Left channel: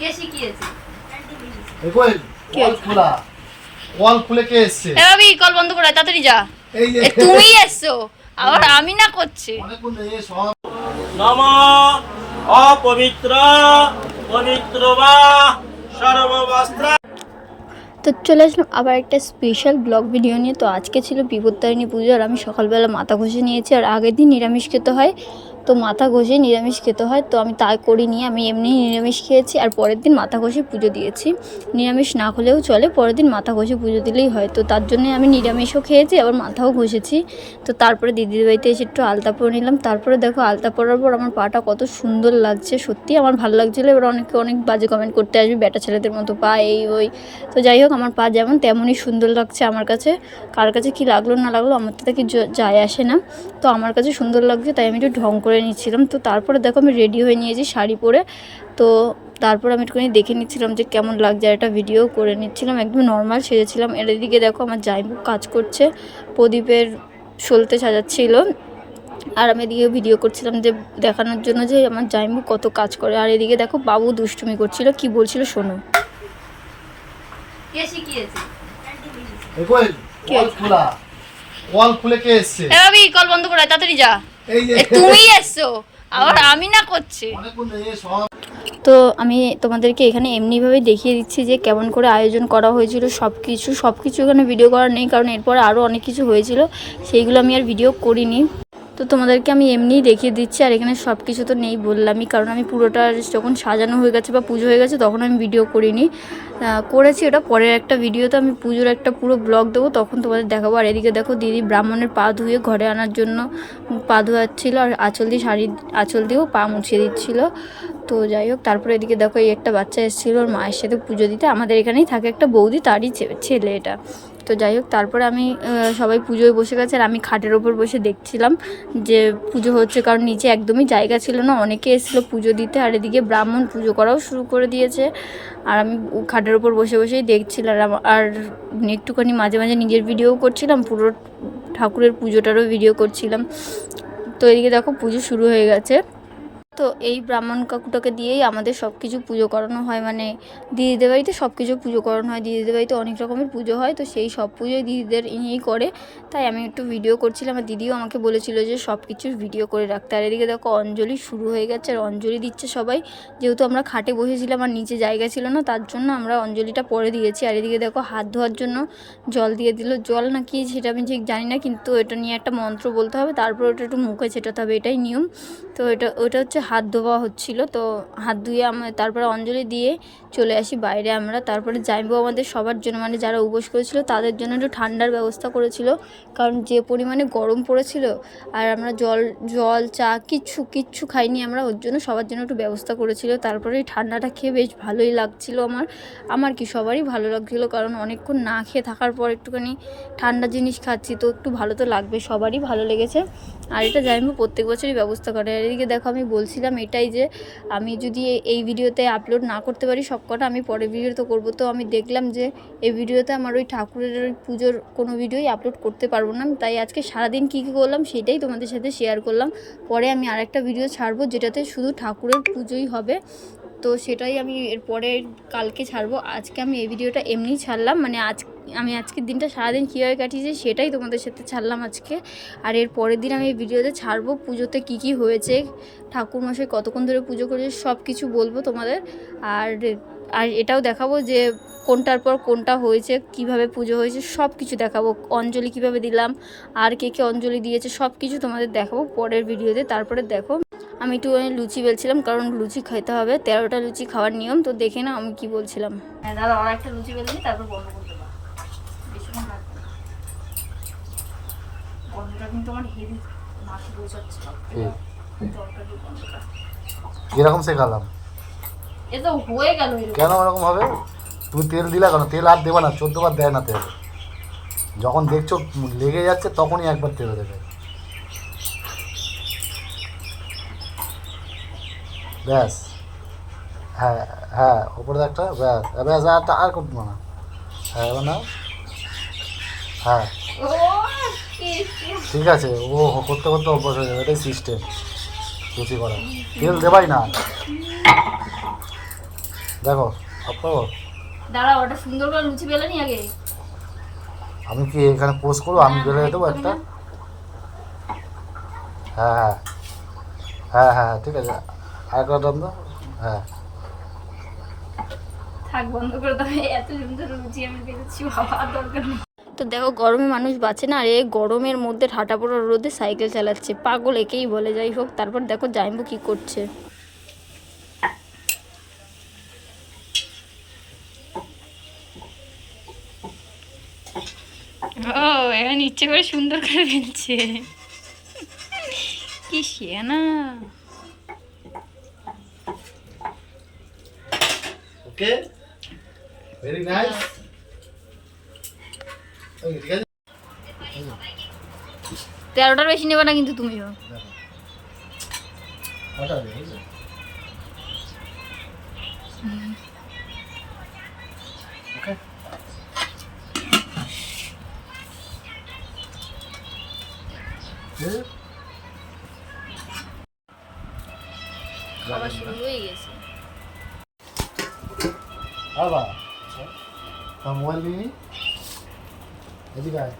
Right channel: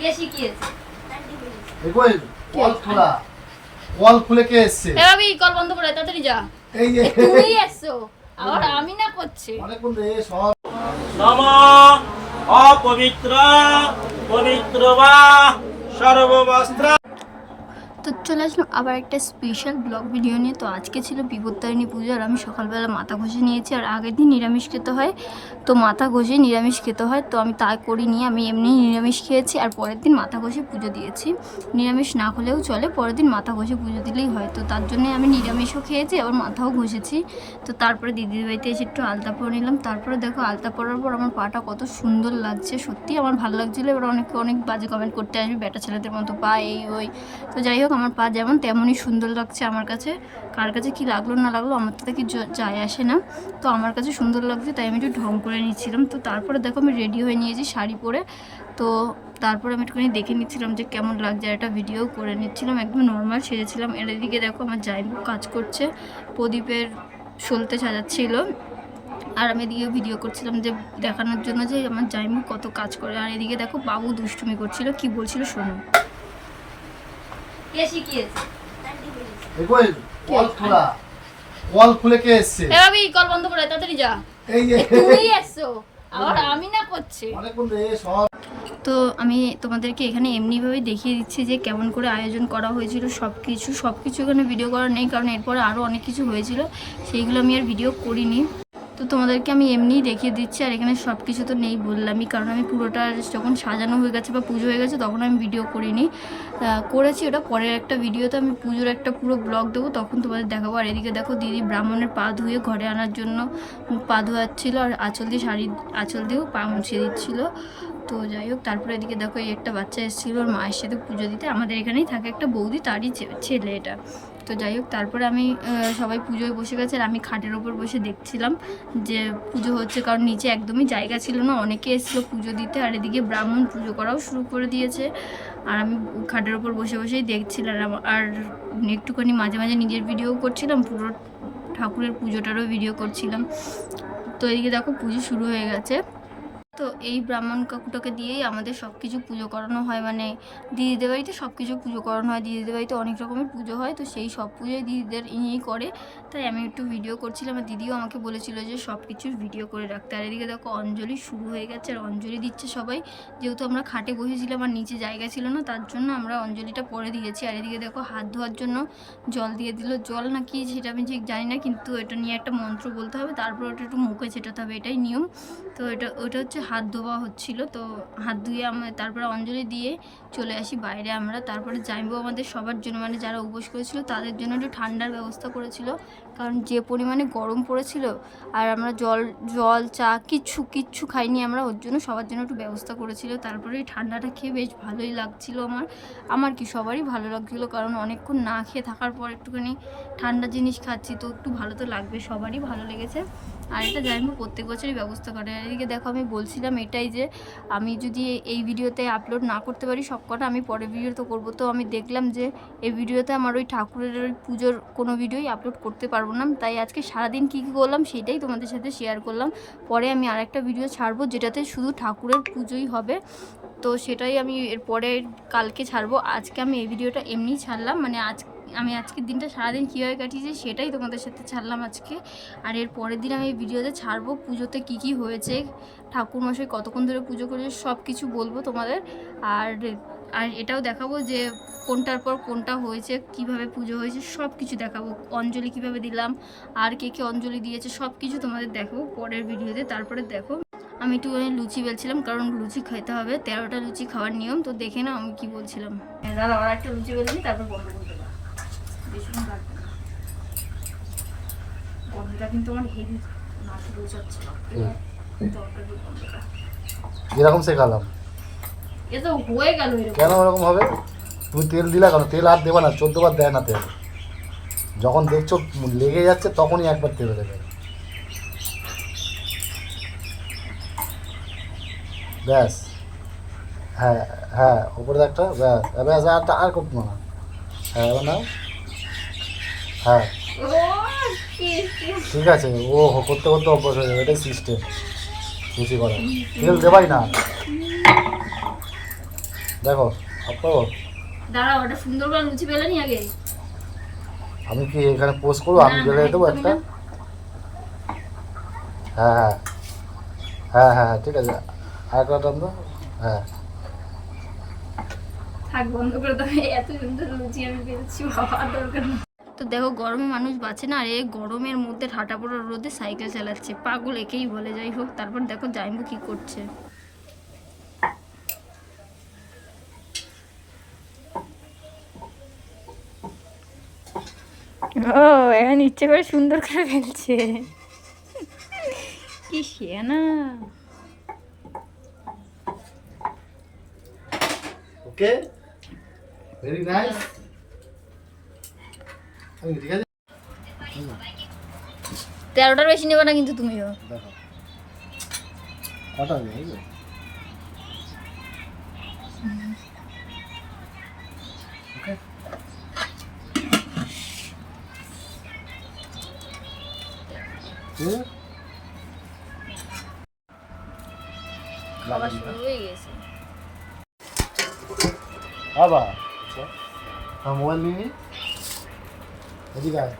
কে শিখিয়েছে? কই কল খুলে কে এসেছে? এ ভাবি কল বন্ধ করে তাড়াতাড়ি যা। এই যে তুমিই এসছো, আবার আমি না করছি। অনেকক্ষণ রে সব নমঃ অপবিত্র পবিত্র বা সর্ববস্ত্র। তো চলে আসলাম আবার একটা স্পেশাল ব্লগ ভিডিও নিয়ে। তো আজকে ছিল বিপত্তারিণী পুজো, আর আমি সকালবেলা মাথা ঘষে নিয়েছি। আর আগের দিন নিরামিষ খেতে হয়, তো মাথা ঘষে নিরামিষ খেতে হয়, তো আমি তাই করিনি। আমি এমনি নিরামিষ খেয়েছি আর পরের দিন মাথা ঘষে পুজো দিয়েছি। নিরামিষ না হলেও চলে, পরের দিন মাথা ঘষে পুজো দিলেই হয়। তো তার জন্যে আমি নিরামিষও খেয়েছি, আবার মাথাও ঘষেছি। তো তারপরে দিদির বাড়িতে এসে একটু আলতা পরে নিলাম। তারপরে দেখো আলতা পরার পর আমার পাটা কত সুন্দর লাগছে, সত্যি আমার ভালো লাগছিলো। এবার অনেকে অনেক বাজে কমেন্ট করতে আসবে, বেটা ছেলেদের মতো পা এই ওই। তো যাই হোক, আমার পা যেমন তেমনই সুন্দর লাগছে আমার কাছে। কার কাছে কি লাগলো না লাগলো আমার তো কি যায় আসে না। তো আমার কাছে সুন্দর লাগছে, তাই আমি একটু ঢং করে নিচ্ছিলাম। তো তারপরে দেখো আমি রেডি হয়ে নিয়েছি শাড়ি পরে। তো তারপর আমি একটুখানি দেখে নিচ্ছিলাম যে কেমন লাগছে, আর একটা ভিডিও করে নিচ্ছিলাম। একদম নর্মাল সেজেছিলাম। এর দিকে দেখো আমার জামাইবু কাজ করছে, প্রদীপের সলতে সাজাচ্ছিল। আর আমি এদিকে ভিডিও করছিলাম যে দেখানোর জন্য যে আমার জামাইবু কত কাজ করে। আর এদিকে দেখো বাবু দুষ্টুমি করছিল, কি বলছিল শোনো। কে শিখিয়েছে? কই কল খুলে কে এসেছে? এ ভাবি কল বন্ধ করে তাড়াতাড়ি যা। এই যে তুমিই এসছো, আবার আমি না করছি। অনেকক্ষণ রে সব তো আমি তোমাদেরকে এখানে এমনিভাবে দেখিয়ে দিচ্ছি যে কেমন করে আয়োজন করা হয়েছিল। সব কিছু এখানে ভিডিও করা নেই, কারণ এরপরে আরও অনেক কিছু হয়েছিল, সেইগুলো আমি আর ভিডিও করিনি। তো তোমাদেরকে আমি এমনিই দেখিয়ে দিচ্ছি। আর এখানে সব কিছু তো নেই বললামই, কারণ আমি পুরোটা যখন সাজানো হয়ে গেছে বা পুজো হয়ে গেছে তখন আমি ভিডিও করিনি। করেছি ওটা পরের একটা ভিডিওতে, আমি পুজোর একটা পুরো ব্লগ দেবো, তখন তোমাদের দেখাবো। আর এদিকে দেখো দিদি ব্রাহ্মণের পা ধুয়ে ঘরে আনার জন্য পা ধোয়াচ্ছিলো, আর আঁচল দিয়েও পা মুছিয়ে দিচ্ছিলো। তো যাই হোক, তারপরে এদিকে দেখো এই একটা বাচ্চা এসেছিলো ওর মায়ের সাথে পুজো দিতে। আমাদের এখানেই থাকে একটা বৌদি, তারই ছেলে এটা। তো যাই হোক, তারপরে আমি সবাই পুজোয় বসে গেছে, আর আমি খাটের ওপর বসে দেখছিলাম যে পুজো হচ্ছে, কারণ নিচে একদমই জায়গা ছিল না, অনেকে এসেছিলো পুজো দিতে। আর এদিকে ব্রাহ্মণ পুজো করাও শুরু করে দিয়েছে, আর আমি খাটের ওপর বসে বসেই দেখছিলাম। আর একটুখানি মাঝে মাঝে নিজের ভিডিও করছিলাম, পুরো ঠাকুরের পুজোটারও ভিডিও করছিলাম। তো এদিকে দেখো পুজো শুরু হয়ে গেছে। তো এই ব্রাহ্মণ কাকুটাকে দিয়েই আমাদের সব কিছু পুজো করানো হয়, মানে দিদিদের বাড়িতে সব কিছু পুজো করানো হয়। দিদিদের বাড়িতে অনেক রকমের পুজো হয়, তো সেই সব পুজোই দিদিদের ইয়েই করে, তাই আমি একটু ভিডিও করছিলাম। আর দিদিও আমাকে বলেছিল যে সব কিছুর ভিডিও করে রাখতে। আর এদিকে দেখো অঞ্জলি শুরু হয়ে গেছে, আর অঞ্জলি দিচ্ছে সবাই। যেহেতু আমরা খাটে বসেছিলাম আর নিচে জায়গা ছিল না, তার জন্য আমরা অঞ্জলিটা পরে দিয়েছি। আর এদিকে দেখো হাত ধোয়ার জন্য জল দিয়ে দিল, জল না কি সেটা আমি ঠিক জানি না, কিন্তু এটা নিয়ে একটা মন্ত্র বলতে হবে, তারপর ওটা একটু মুখে ছেটাতে হবে, এটাই নিয়ম। তো ওটা হচ্ছে হাত ধোয়া হচ্ছিলো। তো হাত ধুয়ে তারপরে অঞ্জলি দিয়ে চলে আসি বাইরে আমরা। তারপরে জামাইবাবু আমাদের সবার জন্য, মানে যারা উপোস করেছিল তাদের জন্য একটু ঠান্ডার ব্যবস্থা করেছিল, কারণ যে পরিমাণে গরম পড়েছিল। আর আমরা জল চা কিচ্ছু খাইনি আমরা, ওর জন্য সবার জন্য একটু ব্যবস্থা করেছিল। তারপরে এই ঠান্ডাটা খেয়ে বেশ ভালোই লাগছিল আমার কি সবারই ভালো লাগছিলো, কারণ অনেকক্ষণ না খেয়ে থাকার পর একটুখানি ঠান্ডা জিনিস খাচ্ছি, তো একটু ভালো তো লাগবে, সবারই ভালো লেগেছে। আর এটা জামাইবাবু প্রত্যেক বছরই ব্যবস্থা করে। আর এদিকে দেখো আমি বলছিলাম এটাই যে আমি যদি এই ভিডিওতে আপলোড না করতে পারি সবকটা, আমি পরের ভিডিওতে করব। তো আমি দেখলাম যে এই ভিডিওতে আমার ওই ঠাকুরের ওই পুজোর কোনো ভিডিওই আপলোড করতে পারবো না, তাই আজকে সারাদিন কী করলাম সেটাই তোমাদের সাথে শেয়ার করলাম। পরে আমি আরেকটা ভিডিও ছাড়বো যেটাতে শুধু ঠাকুরের পুজোই হবে, তো সেটাই আমি এরপরে কালকে ছাড়বো। আজকে আমি এই ভিডিওটা এমনিই ছাড়লাম, মানে আমি আজকের দিনটা সারাদিন কীভাবে কাটিয়েছি সেটাই তোমাদের সাথে ছাড়লাম আজকে। আর এর পরের দিন আমি এই ভিডিওতে ছাড়বো পুজোতে কী হয়েছে, ঠাকুরমশাই কতক্ষণ ধরে পুজো করেছে সব কিছু বলবো তোমাদের। আর এটাও দেখাবো যে কোনটার পর কোনটা হয়েছে, কিভাবে পুজো হয়েছে, সব কিছু দেখাবো। অঞ্জলি কিভাবে দিলাম, আর কে অঞ্জলি দিয়েছে, সব কিছু তোমাদের দেখাবো পরের ভিডিওতে। তারপরে দেখো আমি একটু লুচি বেলছিলাম, কারণ লুচি খেতে হবে, 13টা লুচি খাওয়ার নিয়ম। তো দেখে না আমি কি বলছিলাম। হ্যাঁ দাদা, আর একটা লুচি বেলে দিই, তারপর বন্ধ করতে পারো, বেশিক্ষণ লাগবে না। বন্ধটা কিন্তু আমার হেভি নাকি বোঝাচ্ছে, তরকারি বন্ধটা যেরকম শেখালাম এ তো হয়ে গেল। কেন এরকম হবে? তুমি তেল দিলা কেন? তেল আর দেবে না, 14 বার দেয় না তেল। যখন দেখছো লেগে যাচ্ছে তখনই একবার তেল দেবে, ব্যাস। হ্যাঁ হ্যাঁ, ওপরে একটা ব্যাস ব্যাস, আর করতে না। হ্যাঁ না, হ্যাঁ ঠিক আছে, ও করতে করতে অভ্যাস হয়ে যাবে, এটাই সিস্টেম লুচি করা। তেল দেবাই না, দেখো আপনার দাঁড়া, ওটা সুন্দর করে লুচি বেলে নি আগে। আমি কি এখানে পোস্ট করবো? আমি না, বেলে না, দেবো একদমই একটা। না। হ্যাঁ হ্যাঁ হ্যাঁ হ্যাঁ ঠিক আছে, আর কটা দাম দাও। হ্যাঁ থাক, বন্ধ করে দাও। এত সুন্দর লুচি আমি পেয়েছি, বাবা দরকার নেই। তো দেখো, গরমে মানুষ বাঁচে না, আর এই গরমের মধ্যে ঠাটা পড়া রোদে সাইকেল চালাচ্ছে, পাগল একেই বলে। যাই হোক, তারপর দেখো জাইম্বু কি করছে। ও এখন ইচ্ছে করে সুন্দর করে ফেলছে, কি শিয়ানা। ওকে, ভেরি নাইস। ওই ঠিক আছে, 13টার বেশি নেবে না কিন্তু তুমিও। দেখো কটা হবে? এই যে ওকে, খাবার শুরু হয়ে গেছে। আবার মোবাইল নিয়ে এদিকে আয়।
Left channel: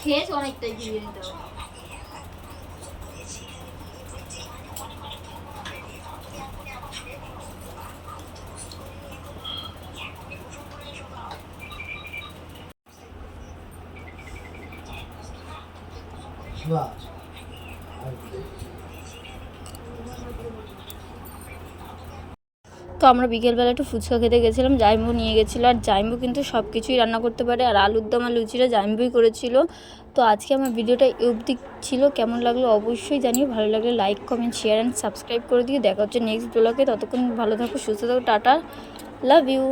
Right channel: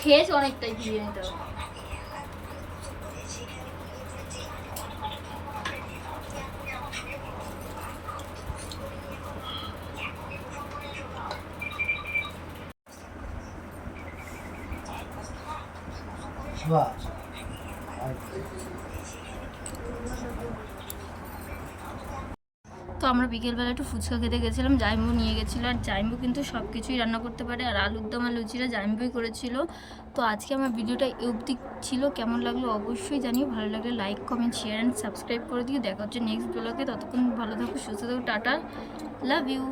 খেয়েছে অনেকটাই বিরিয়ানিটা। বাহ, তো আমরা বিকেলবেলা একটু ফুচকা খেতে গেছিলাম, জাইম্বু নিয়ে গেছিলো। আর জাইম্বু কিন্তু সব কিছুই রান্না করতে পারে, আর আলুর দম আর লুচিটা জাইম্বুই করেছিল। তো আজকে আমার ভিডিওটা এই অবধি ছিল। কেমন লাগলো অবশ্যই জানিও, ভালো লাগলে like comment share and subscribe করে দিও। দেখা হচ্ছে নেক্সট ব্লগে, ততক্ষণ ভালো থাকো, সুস্থ থাকো, টাটা, লাভ ইউ।